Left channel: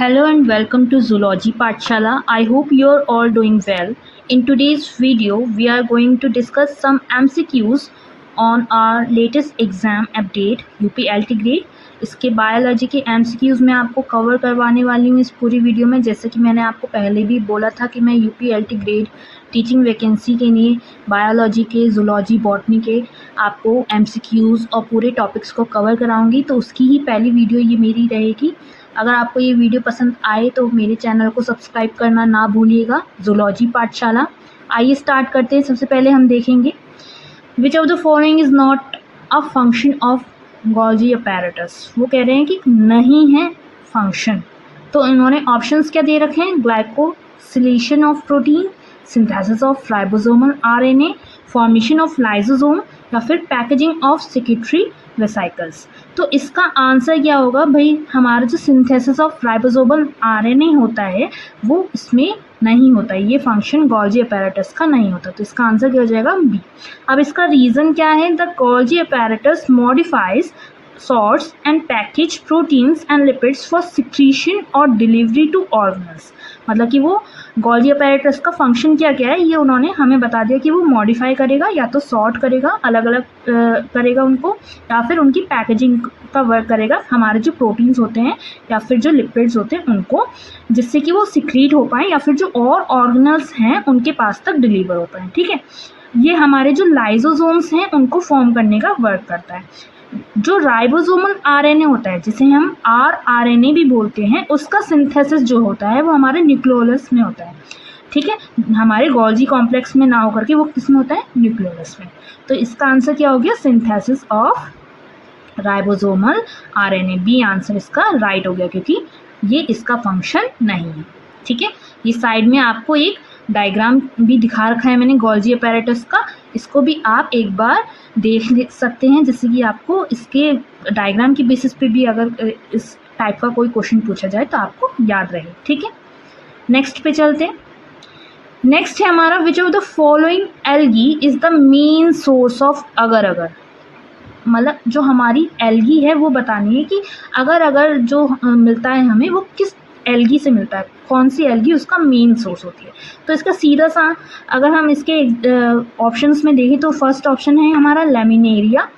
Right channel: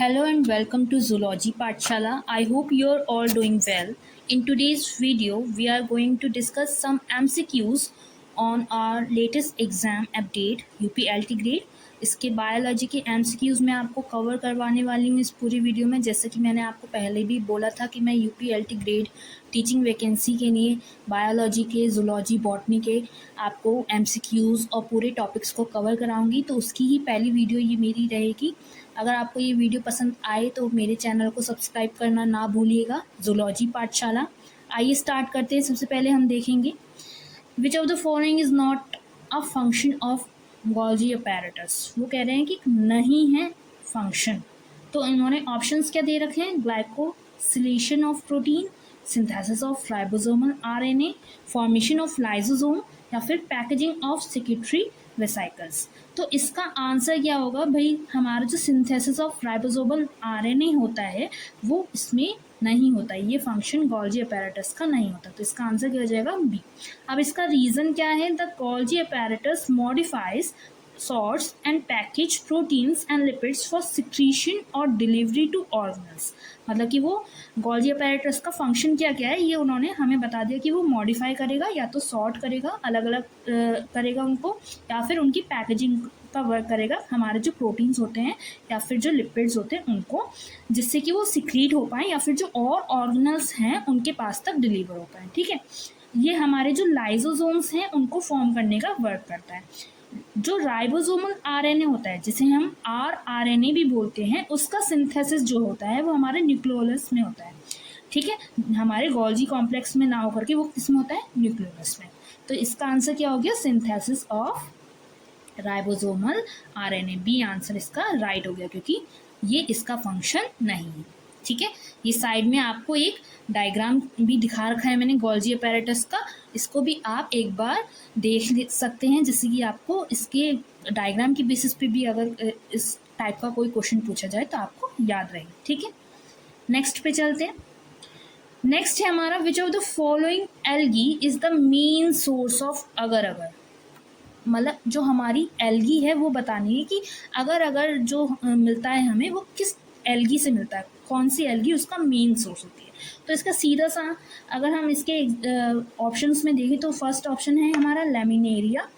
Hello and welcome to Zoology Pathshala. I hope you're all doing well. In today's video, we are going to discuss some MCQs on our latest exam update UPLT grade. इसके biology के MCQs मैं आपको cover करवाने वाली हूँ इस पूरी video में। जैसे कि मैंने आपको पहले भी बोला था कि मैं UPLT ग्रेड टीचिंग वैकेंसी के लिए बायोलॉजी के, जूलॉजी, बॉटनी के आपको MCQs और पूरे टॉपिक्स को कवर कराऊंगी, तो उसकी ही पहली वीडियो ये मेरी रहेगी। अगर आपको ये वीडियो पसंद आए तो मेरे चैनल को सब्सक्राइब करना ना भूलिएगा, जूलॉजी पाठशाला। आइए स्टार्ट करते हैं। सबसे पहले हम देखेंगे which of the following is not a function of Golgi apparatus. वो कह रहे हैं कि नहीं है फंक्शन, तो इन्होंने ऑप्शंस क्या दे रखे हैं? Glycosylation of protein, synthesis of ribosomal RNA, formation of lysosome या फिर पैकेजिंग ऑफ सेक्रेटरी वेसिकल्स। तो इसका आंसर क्या होगा भाई? हमारा जो सिंथेसिस ऑफ राइबोसोमल आरएनए होता है वो इसमें नहीं होता है, ये फंक्शन गोल्जी अपैरेटस का नहीं होता, तो इसका आंसर क्या हो जाएगा? बी। अब इसका रीज़न क्या है? The Golgi apparatus modifies sorts and package proteins and lipids for secretion और delivery to organelles। मतलब कि वो गोल्जी अपैरेटस का फंक्शन क्या क्या है ये उन्होंने हमें बता दिया कि वो मॉडिफाई करेगा, या तो सॉर्ट करेगा, अलग अलग करेगा उनको, या फिर उनकी पैकेजिंग का वर्क करेगा, हमारे जो प्रोटीन्स होते हैं या फिर जो लिपिड्स होते हैं उनको, जिससे कि वो सिक्रीट हो पाएँ या फिर जो और ऑर्गेनल्स हैं उनके पास तक डिलीवर हो पाएँ। ठीक है, ये हमारे जो लाइसोसोम्स हैं उनको फॉर्म करने का वर्क करता है। जो राइबोसोमल आरएनए होता है, जिसे हम आरएनए भी बोलते हैं, उसका सिंथेसिस जो होता है वो हमारे न्यूक्लियोलस में होता है। ठीक है, हमारे गोल्जी कॉम्प्लेक्स में ना होकर के वो किस में होता है? न्यूक्लियोलस में। तो इसका आंसर क्या हो गया? Synthesis of ribosomal RNA. B answer इसका राइट हो गया, क्योंकि ये इसका फंक्शन नहीं है। ठीक है, ये साइड में आपको एक डायग्राम भी दिखा रखा है मैंने गोल्जी अपैरेटस का, इसको भी आप एक बार देख सकते हैं, जिससे कि आपको इसके डायग्राम की बेसिस पे भी अगर इस टाइप का कोई क्वेश्चन पूछा जाए तो आपको याद रहे। ठीक है, नेक्स्ट पे चलते हैं। नेक्स्ट है हमारा which of the following algae is the main source of अगर अगर। मतलब जो हमारी एल्गी है वो बतानी है कि अगर अगर जो मिलता है हमें वो किस एल्गी से मिलता है, कौन सी एल्गी उसका मेन सोर्स होती है। तो इसका सीधा सा अगर हम इसके ऑप्शंस में देखें तो फर्स्ट ऑप्शन है हमारा लेमिनेरिया,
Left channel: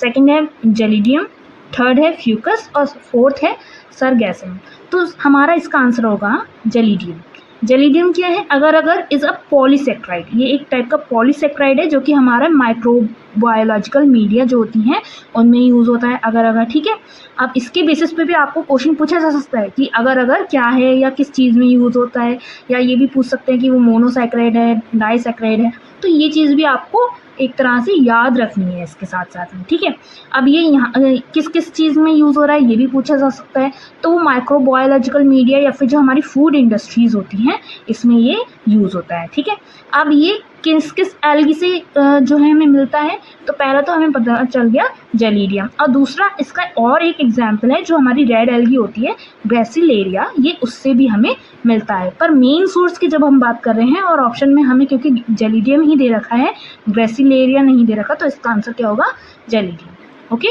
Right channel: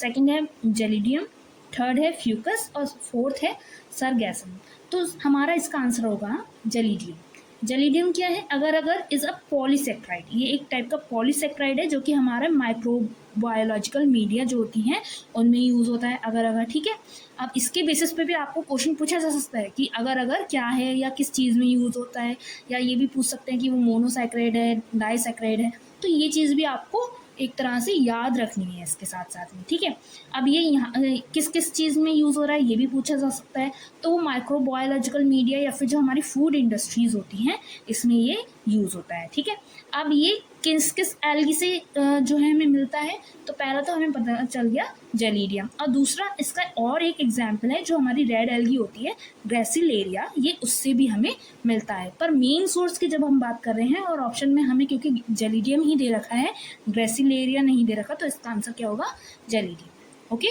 सेकंड है जेलिडियम, थर्ड है फ्यूकस और फोर्थ है सरगैसम। तो हमारा इसका आंसर होगा जेलिडियम। जेलिडियम क्या है? अगर अगर इज़ अ पॉलीसेक्राइड, ये एक टाइप का पॉलीसेक्राइड है जो कि हमारा माइक्रोबायोलॉजिकल मीडिया जो होती हैं उनमें यूज़ होता है अगर अगर। ठीक है, अब इसके बेसिस पे भी आपको क्वेश्चन पूछा जा सकता है कि अगर अगर क्या है या किस चीज़ में यूज़ होता है, या ये भी पूछ सकते हैं कि वो मोनोसेक्राइड है, डाइसेक्राइड है। तो ये चीज़ भी आपको एक तरह से याद रखनी है इसके साथ साथ में। ठीक है, अब ये यहाँ किस किस चीज़ में यूज़ हो रहा है ये भी पूछा जा सकता है। तो वो माइक्रोबायोलॉजिकल मीडिया या फिर जो हमारी फूड इंडस्ट्रीज़ होती हैं इसमें ये यूज़ होता है। ठीक है, अब ये किस किस एल्गी से जो है हमें मिलता है, तो पहला तो हमें पता चल गया जेलिडियम, और दूसरा इसका और एक एग्जाम्पल है जो हमारी रेड एल्गी होती है ग्रेसिलेरिया, ये उससे भी हमें मिलता है। पर मेन सोर्स की जब हम बात कर रहे हैं और ऑप्शन में हमें क्योंकि जेलिडियम ही दे रखा है, ग्रेसिलेरिया नहीं दे रखा, तो इसका आंसर क्या होगा? जेलिडियम। ओके,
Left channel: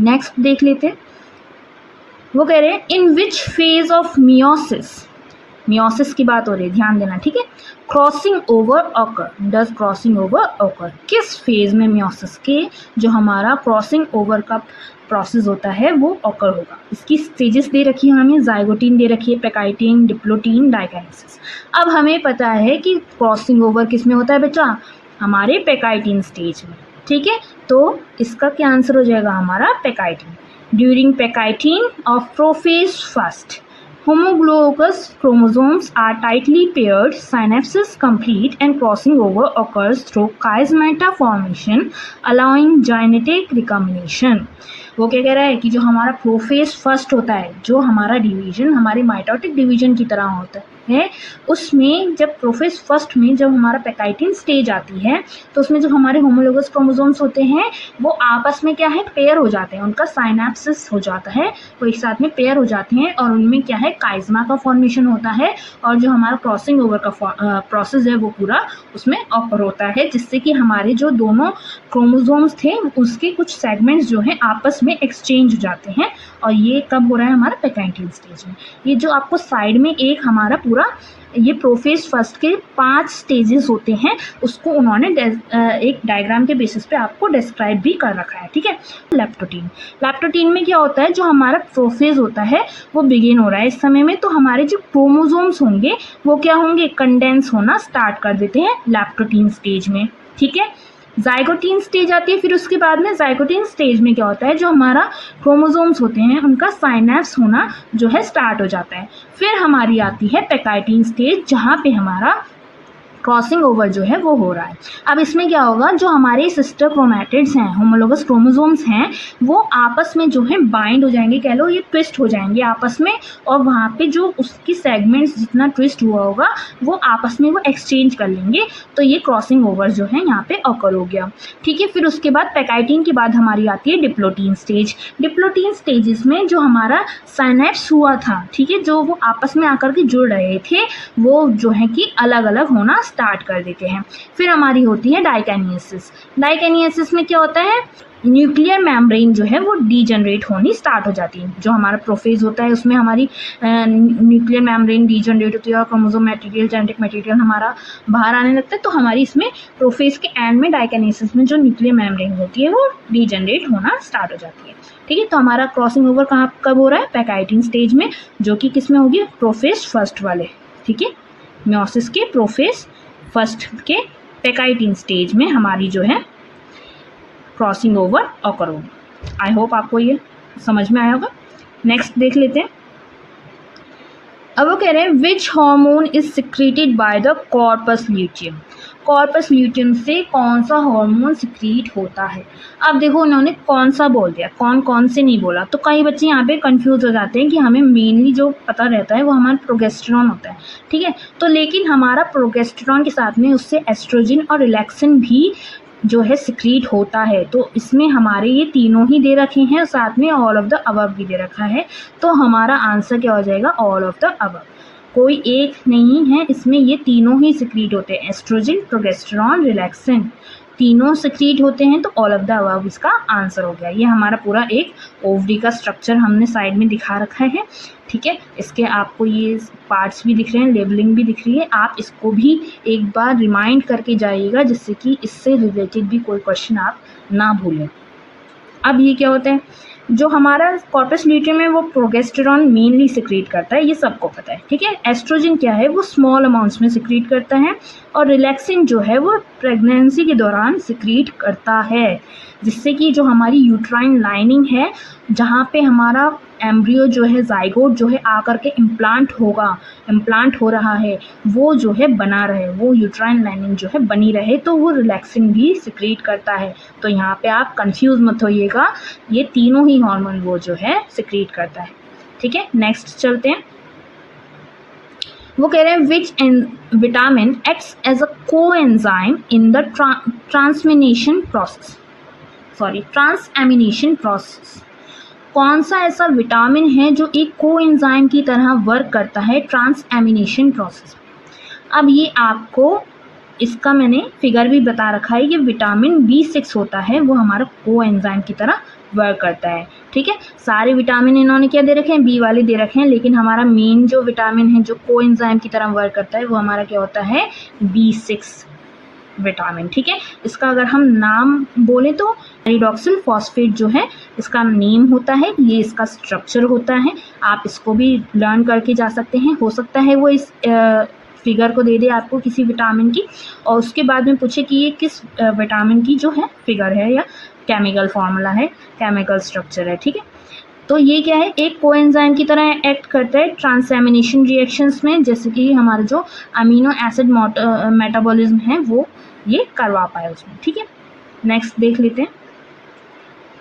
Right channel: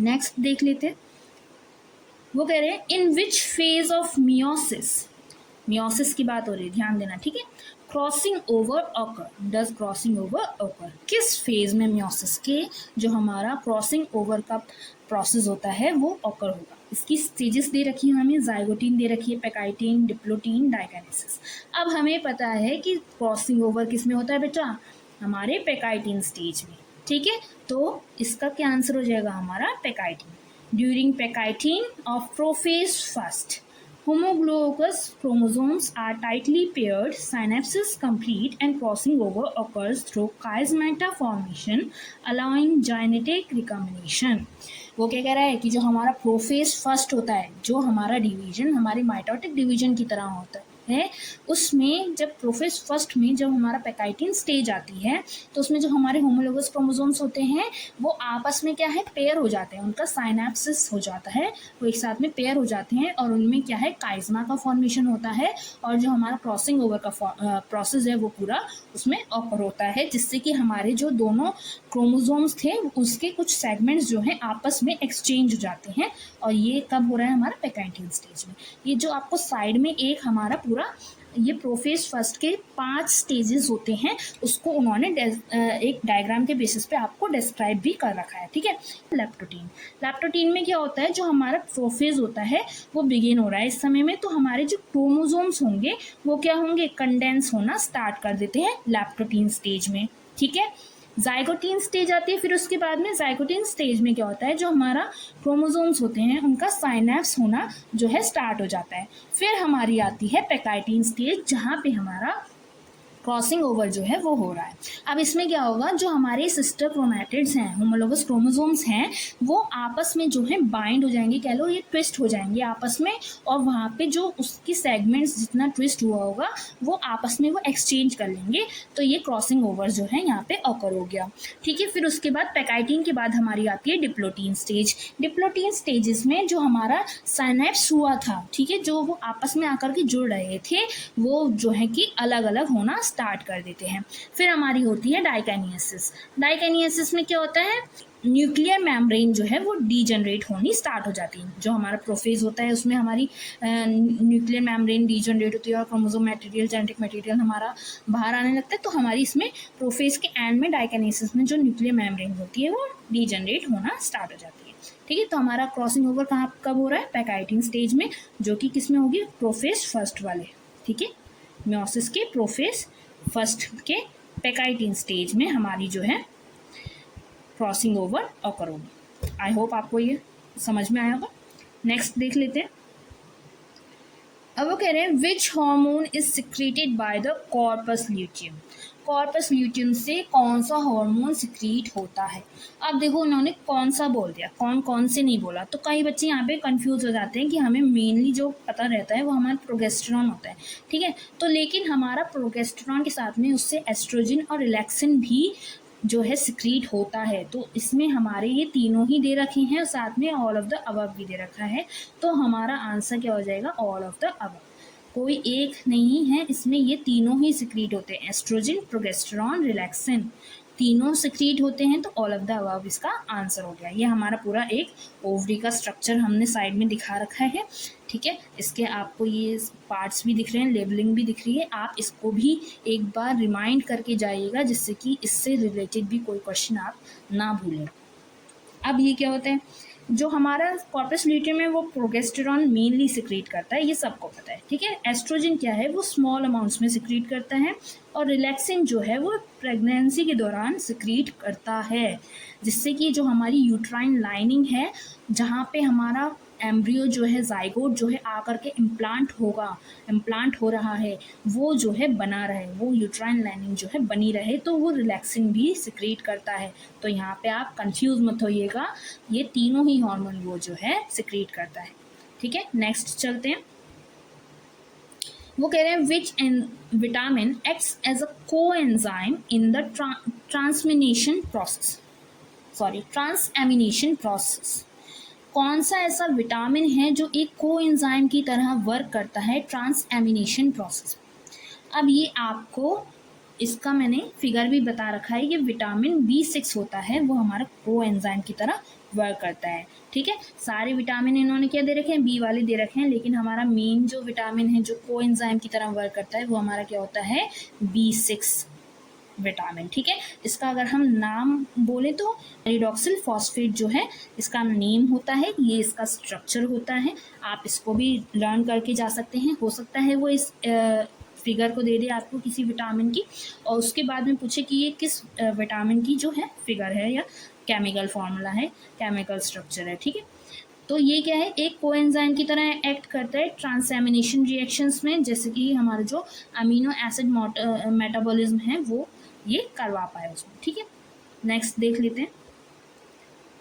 नेक्स्ट देख लेते हैं। वो कह रहे हैं in which phase of meiosis, meiosis की बात हो रही है, ध्यान देना। ठीक है, crossing over occur, does crossing over occur, किस फेज में मियोसिस के जो हमारा क्रॉसिंग ओवर का प्रोसेस होता है वो ऑकर होगा। इसकी स्टेजेस दे रखी है हमें, जाइगोटीन दे रखी है, पेकाइटीन, डिप्लोटीन, डाइकाइनेसिस। अब हमें पता है कि क्रॉसिंग ओवर किस में होता है बच्चा? हमारे पेकाइटीन स्टेज में। ठीक है, तो इसका क्या आंसर हो जाएगा? हमारा pachytene. During pachytene of prophase first, homologous chromosomes are tightly paired, synapses complete, and crossing over occurs through chiasmata formation, allowing genetic recombination। वो क्या कह रहा है कि जो हमारा प्रोफेज फर्स्ट होता है, जो हमारा डिवीजन हमारी माइटोटिक डिवीजन की तरह होता है, है उसमें जब प्रोफेज फर्स्ट में जब हमारा पैकाइटिन स्टेज आती है तो उसमें जो हमारे होमोलोगस क्रोमोसोम्स होते हैं वो आपस में क्या है पेयर हो जाते हैं, उनका साइनेप्सिस हो जाता है, वो एक साथ में पेयर हो जाते हैं और उनमें क्या है काइज़मा का फॉर्मेशन होता है और जो हमारा क्रॉसिंग ओवर का प्रोसेस है वो पूरा उसमें ऑकर होता है, जिससे कि हमारे जो दोनों क्रोमोसोम्स थे उसके कुछ सेगमेंट्स जो हैं आपस में एक्सचेंज हो जाते हैं। और ये कब हो रहा है हमारा पैकाइटिन स्टेज में। ये जो आपको साइड में एक हमारा पूरा ये प्रोफेज फर्स्ट के 5 स्टेजेस होते हैं उसको उन्होंने एक डायग्राम के बेसिस पे आपको डिस्क्राइब भी कर रखा है, ठीक है। लैप्टोटीन में क्या होता है, जो हमारा प्रोफेज होता है वो बिगिन हो रहा है इस समय में, तो हमारे जो क्रोमोसोम्स होंगे वो क्या होंगे कंडेंस होना स्टार्ट कर देते हैं लैप्टोटीन स्टेज में, ठीक है। जाइगोटीन स्टेज आती है, फिर उसके बाद में जाइगोटीन स्टेज में क्या होता है, जो हमारा क्रोमोसोम्स होते हैं उनका साइनेप्स होना जो है स्टार्ट हो जाता है। फिर हमारी आती है पैकाइटिन स्टेज जहाँ पे हमारा क्रॉसिंग ओवर जो है वो हो रहा है। अब इसमें क्या होगा, जो हमारे सिस्टर क्रोमैटिड्स हैं, होमोलोगस क्रोमोसोम्स हैं, वो आपस में जो है बाइंड हो जाएंगे, कह लो ये ट्विस्ट हो जाएंगे आपस में, और वहाँ पे जो उसकी सेगमेंट्स जितना ट्विस्ट हुआ होगा वो आपस में वो एक्सचेंज कर लेंगे, तो ये क्रॉसिंग ओवर जो है यहाँ पे ऑकर हो गया, ठीक है। फिर उसके बाद पैकाइटिन के बाद हमारी आती है डिप्लोटीन स्टेज। डिप्लोटीन स्टेजेस में जो हमारा साइनेप्स हुआ था, ठीक है, जो वो आपस में आकर के जुड़ रहे थे वो जो है कि अलग अलग होना स्टार्ट कर देते हैं। फिर हमारी होती है डाइकेनियसिस। डाइकेनियसिस में क्या होता है, न्यूक्लियर मेम्ब्रेन जो है वो डीजनरेट होनी स्टार्ट हो जाती है। जो हमारा प्रोफेज होता है उसमें हमारी न्यूक्लियर मेम्ब्रेन डीजनरेट होती है और क्रोमोसोम मटेरियल जेनेटिक मटेरियल हमारा बाहर आने लगता है, तो हमारी इसमें प्रोफेज के एंड में डाइकेनियसिस में जो न्यूक्लियर मेम्ब्रेन होती है वो डीजनरेट होना स्टार्ट हो जाती है, ठीक है। तो हमारा क्रॉसिंग ओवर कहाँ कब हो रहा है, पैकाइटिन स्टेज में, जो कि किस में होगी, प्रोफेज फर्स्ट वाले, ठीक है, मियोसिस के प्रोफेज फर्स्ट के पैकाइटिन स्टेज में हमारी जो है क्रॉसिंग ओवर ऑकर होगी। आई होप आपको ये समझ में आया होगा। नेक्स्ट देख लेते हैं। अब वो कह रहे हैं which hormone is secreted by the corpus luteum. Corpus luteum से कौन सा हार्मोन सिक्रीट होता है। अब देखो उन्होंने कौन सा बोल दिया, कौन कौन से नहीं बोला, तो कई बच्चे यहाँ पे कंफ्यूज हो जाते हैं कि हमें मेनली जो पता रहता है वो हमारा प्रोगेस्टेरॉन होता है, ठीक है। तो लेकिन हमारा प्रोगेस्टेरॉन के साथ में उससे एस्ट्रोजन और रिलैक्सिन भी जो है सिक्रीट होता है, तो इसमें हमारे ये तीनों ही दे रखे हैं, साथ में ऑल ऑफ द अबव भी दे रखा है, तो हमारा आंसर क्या हो जाएगा, ऑल ऑफ द अबव। कोई एक नहीं है, इसमें ये तीनों ही सिक्रीट होते हैं, एस्ट्रोजन प्रोगेस्टेरॉन रिलैक्सिन तीनों सिक्रीट होते हैं, तो ऑल ऑफ द अबव इसका आंसर हो गया। ये हमारा पूरा एक ओवरी का स्ट्रक्चर हमने साइड में दिखा रखा है, ठीक है। इसके आपको ये पार्ट्स भी दिख रहे हैं, लेबलिंग भी दिख रही है, आप इसको भी एक बार रिमाइंड करके जाइएगा जिससे कि इससे रिलेटेड भी कोई क्वेश्चन आप ना भूलें। अब ये क्या होता है, जो हमारा कॉर्पस ल्यूटियम है वो प्रोगेस्टेरॉन मेनली सिक्रीट करता है, ये सबको पता है, ठीक है। एस्ट्रोजन क्या है, वो स्मॉल अमाउंट्स में सिक्रीट करता है, और रिलैक्सिन जो है वो प्रेगनेंसी के दौरान सिक्रीट करता है, जिससे कि जो हमारी यूट्राइन लाइनिंग है, जहाँ पे हमारा एम्ब्रियो जो है जाइगोट जो है आकर के इम्प्लांट हो रहा है, वो जो है बना रहे, वो यूट्राइन लाइनिंग जो है बनी रहे, तो वो रिलैक्सिन भी सिक्रीट करता है। तो यहाँ पे आप कंफ्यूज मत होइएगा, ये तीनों ही हार्मोन वो जो है सिक्रीट करता है, ठीक है। नेक्स्ट चलते हैं। वो कह रहे हैं which vitamin acts as a coenzyme in the transamination process. कौन सा ऐसा विटामिन है जो एक कोएंजाइम की तरह वर्क करता है ट्रांसएमिनेशन प्रोसेस। अब ये आपको इसका मैंने फिगर भी बता रखा है, ये विटामिन B6 होता है, वो हमारा कोएंजाइम की तरह वर्क करता है, ठीक है। सारे विटामिन इन्होंने क्या दे रखे हैं, बी वाले दे रखे हैं, लेकिन हमारा मेन जो विटामिन है जो कोएंजाइम की तरह वर्क करता है वो हमारा क्या होता है, B6 विटामिन, ठीक है। इसका अगर हम नाम बोलें तो एरिडॉक्सिल फॉस्फेट जो है इसका नेम होता है, ये इसका स्ट्रक्चर होता है, आप इसको भी लर्न करके जा सकते हैं। हो सकता है वो इस फिगर को दे दे आपको किसी विटामिन की, और उसके बाद में पूछे कि ये किस विटामिन की जो है फिगर है या केमिकल फार्मूला है, केमिकल स्ट्रक्चर है, ठीक है। तो ये क्या है, एक कोएंजाइम की तरह एक्ट करता है ट्रांसएमिनेशन रिएक्शंस में, जैसे कि हमारा जो अमीनो एसिड मेटाबॉलिज्म है वो ये करवा पाए उसमें, ठीक है। नेक्स्ट देख लेते हैं।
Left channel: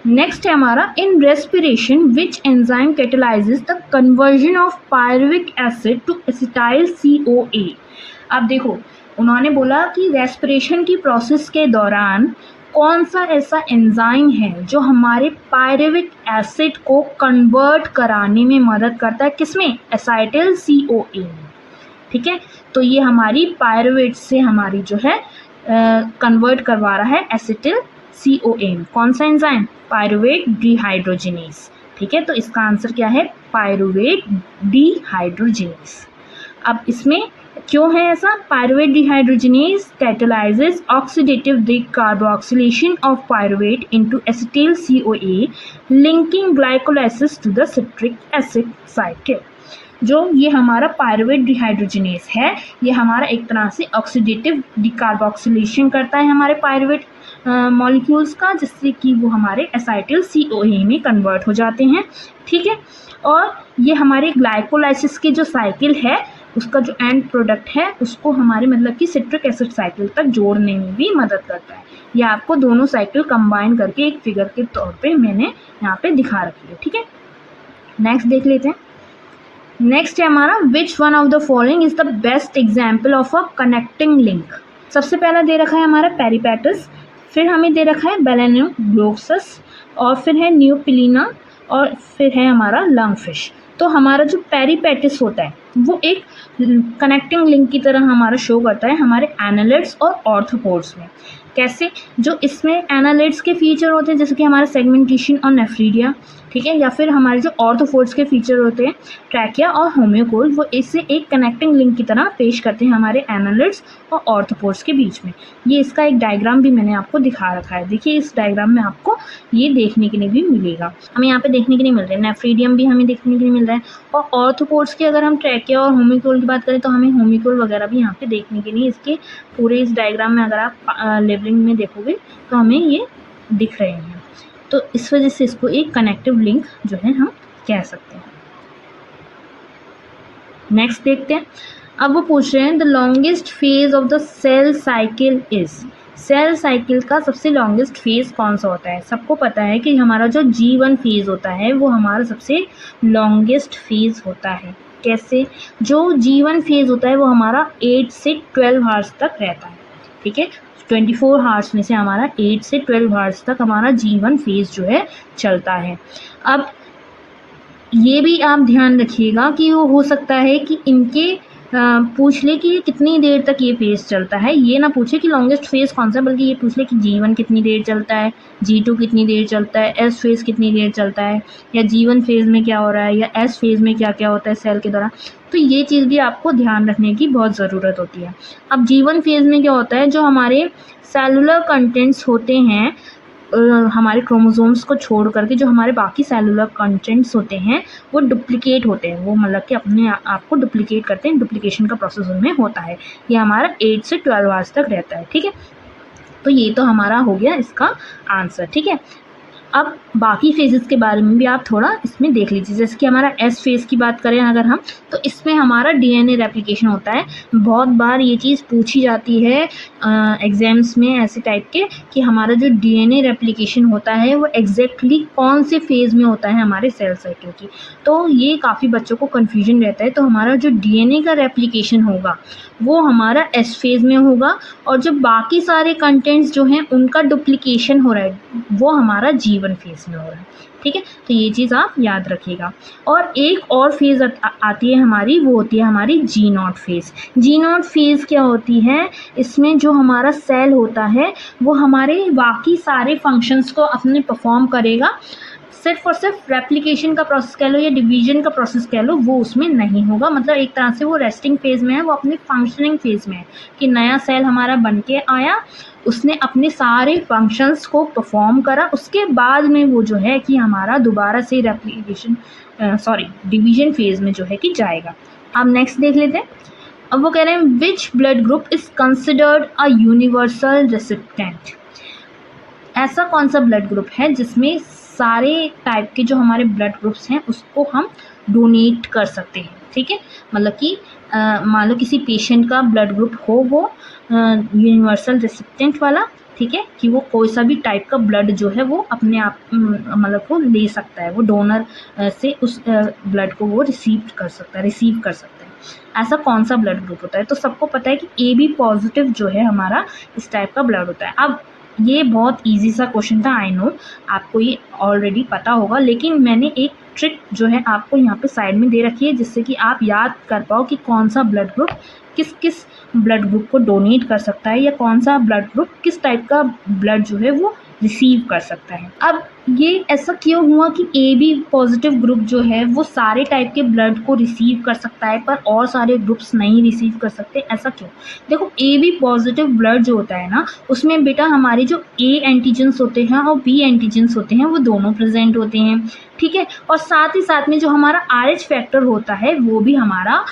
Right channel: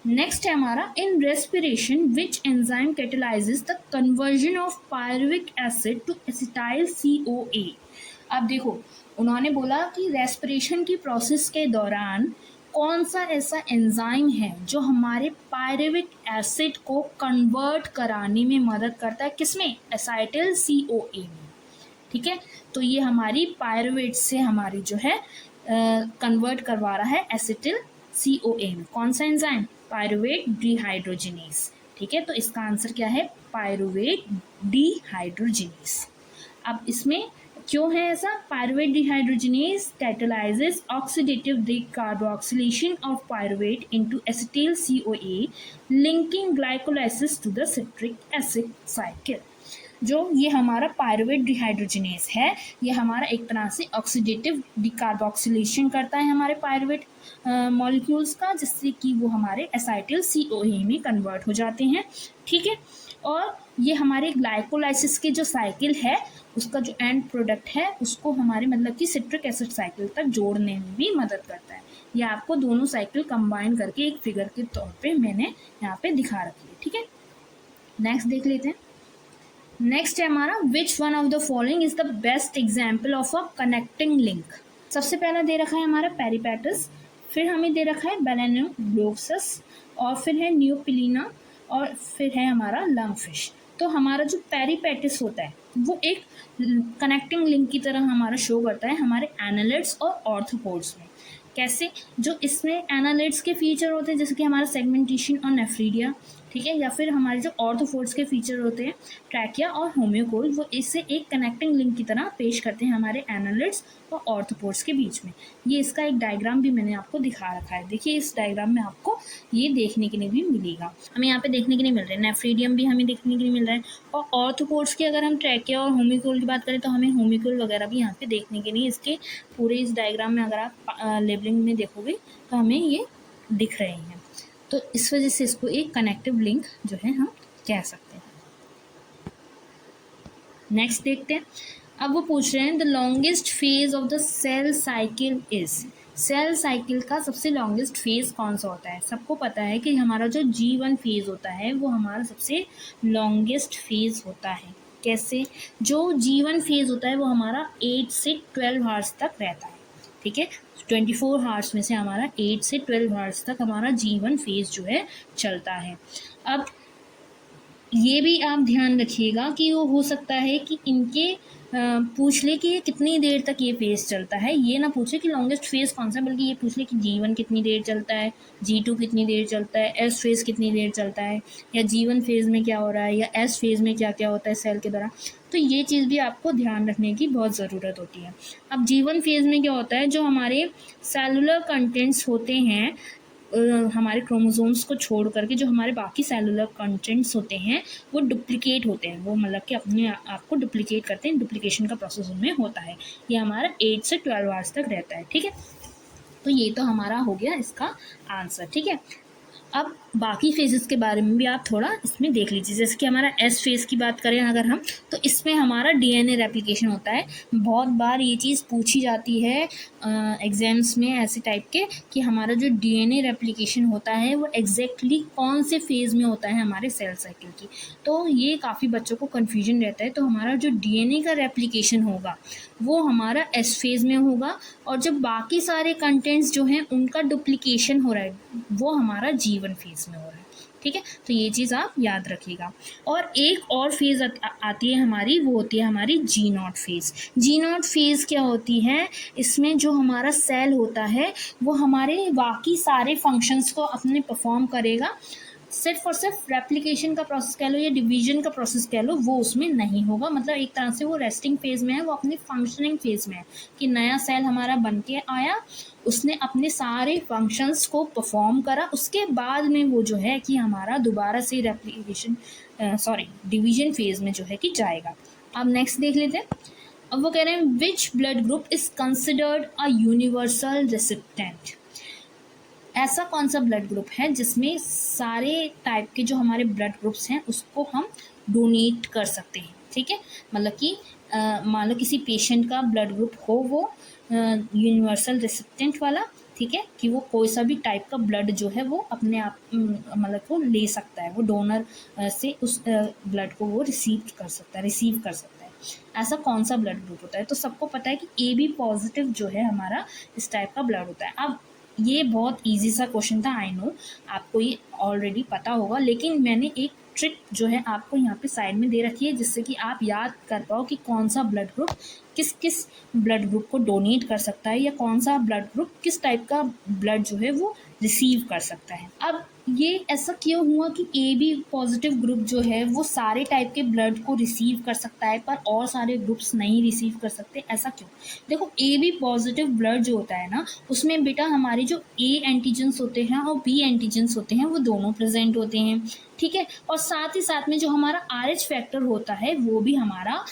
नेक्स्ट है हमारा in respiration which enzyme catalyses the conversion of pyruvic acid to acetyl CoA। अब देखो, उन्होंने बोला कि रेस्पिरेशन की प्रोसेस के दौरान कौन सा ऐसा एंजाइम है जो हमारे पायरुविक एसिड को कन्वर्ट कराने में मदद करता है, किसमें? एसाइटिल CoA में। ठीक है, तो ये हमारी पायरुवेट से हमारी जो है कन्वर्ट करवा रहा है एसिटिल CoA में। कौन सा एंजाइम? Pyruvate dehydrogenase. ठीक है, तो इसका आंसर क्या है? Pyruvate dehydrogenase. अब इसमें क्यों है ऐसा? Pyruvate dehydrogenase catalyses oxidative decarboxylation of pyruvate into acetyl CoA linking glycolysis to the citric acid cycle. जो ये हमारा पायरुवेट डिहाइड्रोजिनेज है, ये हमारा एक तरह से ऑक्सीडेटिव डिकार्बोक्सिलेशन करता है हमारे पायरुवेट मॉलिक्यूल्स का, जिससे कि वो हमारे एसाइटिल CoA में कन्वर्ट हो जाते हैं। ठीक है, और ये हमारे ग्लाइकोलाइसिस की जो साइकिल है, उसका जो एंड प्रोडक्ट है, उसको हमारे मतलब कि सिट्रिक एसिड साइकिल तक जोड़ने में भी मदद करता है। ये आपको दोनों साइकिल कंबाइन करके एक फिगर के तौर पे मैंने यहाँ पे दिखा रखी है। ठीक है, नेक्स्ट देख लेते हैं। नेक्स्ट है हमारा which one of the following is the best example of a connecting link. सबसे पहला दे रखा है हमारा पेरिपेटस, फिर हमें दे रखा है बेलेनोग्लोसस, और फिर है न्यूपिलिना, और फिर है हमारा लंगफिश। तो हमारा जो पेरिपेटिस होता है वो एक कनेक्टिंग लिंक की तरह हमारा शो करता है हमारे एनालिड्स और ऑर्थोपोड्स में। कैसे? जो इसमें एनालिड्स के फीचर होते हैं जैसे कि हमारा सेगमेंटेशन और नेफ्रीडिया, ठीक है, या फिर हमारे जो ऑर्थोपोड्स के फीचर होते हैं ट्रैकिया और होम्योकोल, वो इससे एक कनेक्टिंग लिंक की तरह पेश करते हैं हमारे एनालिड्स और ऑर्थोपोड्स के बीच में। ये इसका एक डायग्राम भी मैंने आपको दिखा रखा है। देखिए, इस डायग्राम में आपको ये देखने के लिए भी मिलेगा, हमें यहाँ पे देखने के लिए मिल रहा है। नेफ्रीडियम भी हमें देखने के लिए मिल रहा है, और ऑर्थोपोड्स की अगर हम ट्रैकिया और होम्योकोल की बात करें तो हमें होम्योकोल वगैरह भी यहाँ पे देखने के लिए इसके पूरे इस डायग्राम में अगर आप लेवलिंग में देखोगे तो हमें ये दिख रहे हैं। तो इस वजह से इसको एक कनेक्टिव लिंक जो है हम कह सकते हैं। नेक्स्ट देखते हैं। अब वो पूछ रहे हैं the longest phase of the cell cycle is. Cell cycle का सबसे लॉन्गेस्ट फेज कौन सा होता है? सबको पता है कि हमारा जो G1 फेज होता है वो हमारा सबसे लॉन्गेस्ट फेज होता है। कैसे? जो G1 फेज होता है वो हमारा 8 से 12 आवर्स तक रहता है। ठीक है, 24 आवर्स में से हमारा 8 से 12 आवर्स तक हमारा G1 फेज जो है चलता है। अब ये भी आप ध्यान रखिएगा कि वो हो सकता है कि इनके पूछ ले कि ये कितनी देर तक ये फेज चलता है। ये ना पूछे कि लॉन्गेस्ट फेज कौन सा है, बल्कि ये पूछ ले कि G1 कितनी देर चलता है, G2 कितनी देर चलता है, S फेज कितनी देर चलता है, या G1 फेज में क्या हो रहा है, या S फेज में क्या क्या होता है सेल के दौरान। तो ये चीज़ भी आपको ध्यान रखने की बहुत ज़रूरत होती है। अब G1 फेज में क्या होता है, जो हमारे सेलुलर कंटेंट्स होते हैं हमारे क्रोमोसोम्स को छोड़ करके, जो हमारे बाकी सेलुलर कंटेंट्स होते हैं वो डुप्लिकेट होते हैं, वो मतलब कि अपने आप को डुप्लिकेट करते हैं, डुप्लिकेशन का प्रोसेस उनमें होता है। ये हमारा 8 से 12 आवर्स तक रहता है। ठीक है, तो ये तो हमारा हो गया इसका आंसर। ठीक है, अब बाकी फेजेस के बारे में भी आप थोड़ा इसमें देख लीजिए। जैसे कि हमारा एस फेज़ की बात करें अगर हम, तो इसमें हमारा डीएनए रेप्लिकेशन होता है। बहुत बार ये चीज़ पूछी जाती है एग्ज़ाम्स में ऐसे टाइप के कि हमारा जो डीएनए रेप्लिकेशन होता है वो एग्जैक्टली कौन से फेज़ में होता है हमारे सेल साइकिल की। तो ये काफ़ी बच्चों को कन्फ्यूजन रहता है। तो हमारा जो डीएनए का रेप्लिकेशन होगा वो हमारा एस फेज़ में होगा, और जो बाकी सारे कंटेंट्स जो हैं उनका डुप्लिकेशन हो रहा है वो हमारा G1 फेज़ में हो रहा है। ठीक है, तो ये चीज़ आप याद रखिएगा। और एक और फेज़ आती है हमारी, वो होती है हमारी G0 फेज़। G0 फेज़ क्या होती है? इसमें जो हमारा सेल होता है वो हमारे बाकी सारे फंक्शंस को अपने परफॉर्म करेगा, सिर्फ और सिर्फ रेप्लिकेशन का प्रोसेस कह लो या डिवीजन का प्रोसेस कह लो वो उसमें नहीं होगा। मतलब एक तरह से वो रेस्टिंग फेज़ में है, वो अपनी फंक्शनिंग फेज़ में है कि नया सेल हमारा बन के आया, उसने अपने सारे फंक्शंस को परफॉर्म करा, उसके बाद में वो जो है कि हमारा दोबारा से डिवीजन फेज़ में जो है कि जाएगा। अब नेक्स्ट देख लेते हैं। अब वो कह रहे हैं which blood group is considered a universal recipient. ऐसा कौन सा ब्लड ग्रुप है जिसमें सारे टाइप के जो हमारे ब्लड ग्रुप्स हैं उसको हम डोनेट कर सकते हैं। ठीक है, मतलब कि मान लो किसी पेशेंट का ब्लड ग्रुप हो वो यूनिवर्सल रेसिपिएंट वाला, ठीक है, कि वो कोई सा भी टाइप का ब्लड जो है वो अपने आप मतलब को ले सकता है, वो डोनर से उस ब्लड को वो रिसीव कर सकता है। ऐसा कौन सा ब्लड ग्रुप होता है? तो सबको पता है कि AB पॉजिटिव जो है हमारा इस टाइप का ब्लड होता है। अब ये बहुत ईजी सा क्वेश्चन था, आई नो आपको ये ऑलरेडी पता होगा, लेकिन मैंने एक ट्रिक जो है आपको यहाँ पे साइड में दे रखी है जिससे कि आप याद कर पाओ कि कौन सा ब्लड ग्रुप किस किस ब्लड ग्रुप को डोनेट कर सकता है, या कौन सा ब्लड ग्रुप किस टाइप का ब्लड जो है वो रिसीव कर सकता है। अब ये ऐसा क्यों हुआ कि AB पॉजिटिव ग्रुप जो है वो सारे टाइप के ब्लड को रिसीव कर सकता है पर और सारे ग्रुप्स नहीं रिसीव कर सकते, ऐसा क्यों? देखो, AB पॉजिटिव ब्लड जो होता है ना, उसमें बेटा हमारे जो A एंटीजन्स होते हैं और B एंटीजन्स होते हैं वो दोनों प्रेजेंट होते हैं, ठीक है। और साथ ही साथ में जो हमारा RH फैक्टर होता है वो भी हमारा